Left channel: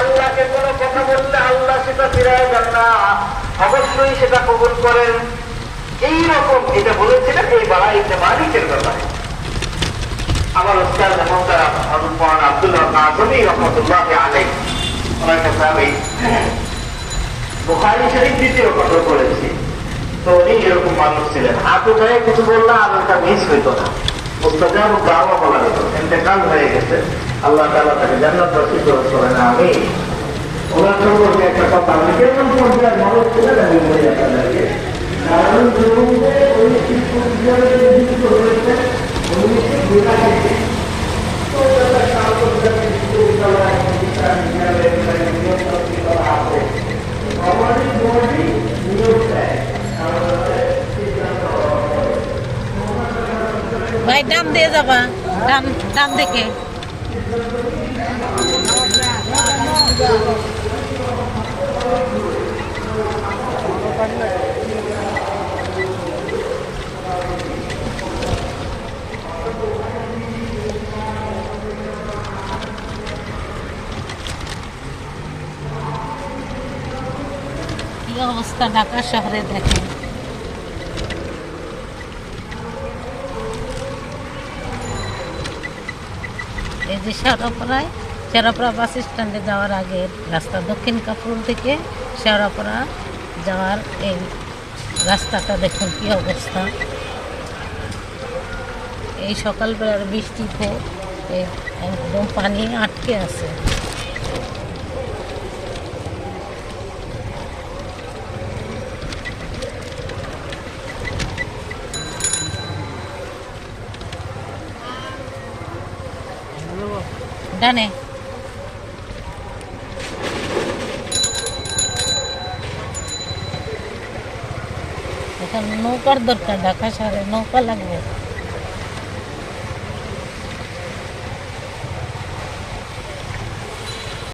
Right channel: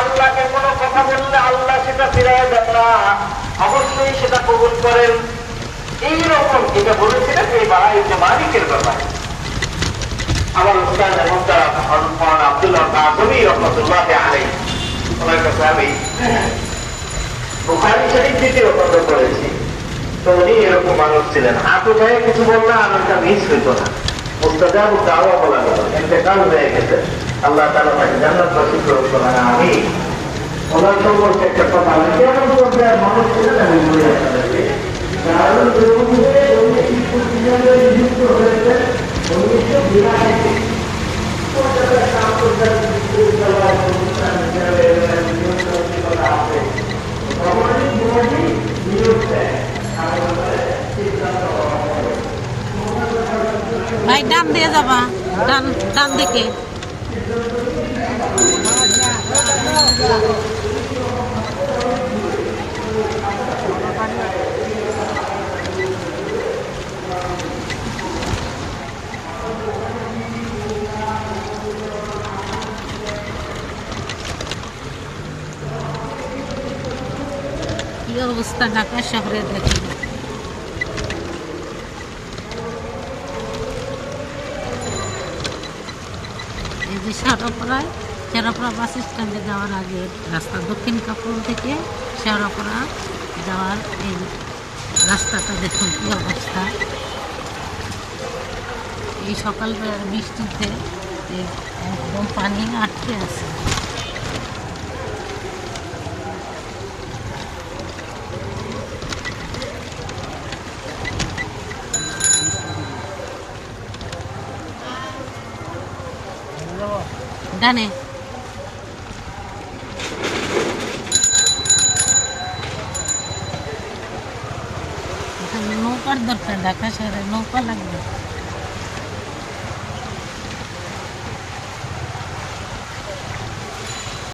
আল্লাহকে কোনো কথা বললে আল্লাহ সেটা ফিরাইয়া দেন না, অবশ্যই সেটা কবুল করেন। এইরকম এটা বলেছিলেন এই বাবা ইবনে মালিকের ব্যাপারে। আমার উস্তাদ মোহতারাম হযরত মাওলানা আব্দুল্লাহ কাসেমী রাহমাতুল্লাহি আলাইহি, ওনার কাছে আমি বুখারী শরীফ দ্বিতীয় কথা পড়েছি। তো উনি এরকম মানুষ ছিলেন, হাত উঠায় কিছু বললে আমারটা মিস হইতো না, মুস্তাজাব দাওয়া বলা গেল, ইন্তেকাল হয়ে গেছে, আল্লাহ তাআলা তাকে জান্নাত নসিব করেন। আমি ওনার সম্পর্কে একটা কথা, আমি কেমন পর্যায়ে মানুষ ছিলেন আমি বলে আপনাদেরকে, কারণ জমিতে উনি যুক্ত হয়েছে 1982 আন্তর্জাতিক বিশ্ববিদ্যালয় প্রতিষ্ঠান করা আছে। গভর্নিং বডি নিয়োগ দেয়, ভাই ডান দিয়ে যাবা, ডান ডান দিকে। কি অবস্থা ঢাকা শহরে দেখেন। এই যে শেওড়াপাড়া বাস স্ট্যান্ডে যাওয়ার আগে রাস্তা, দক্ষিণ কাপুর থেকে শেওড়াপাড়া যাওয়ার এই রাস্তাটা দেখুন কি অবস্থা। এই সকালবেলার বৃষ্টিতে একদম পানি আটকে আছে। ডানে নৌকার দরকার, ঢাকা শহরে নৌকা লাগবে।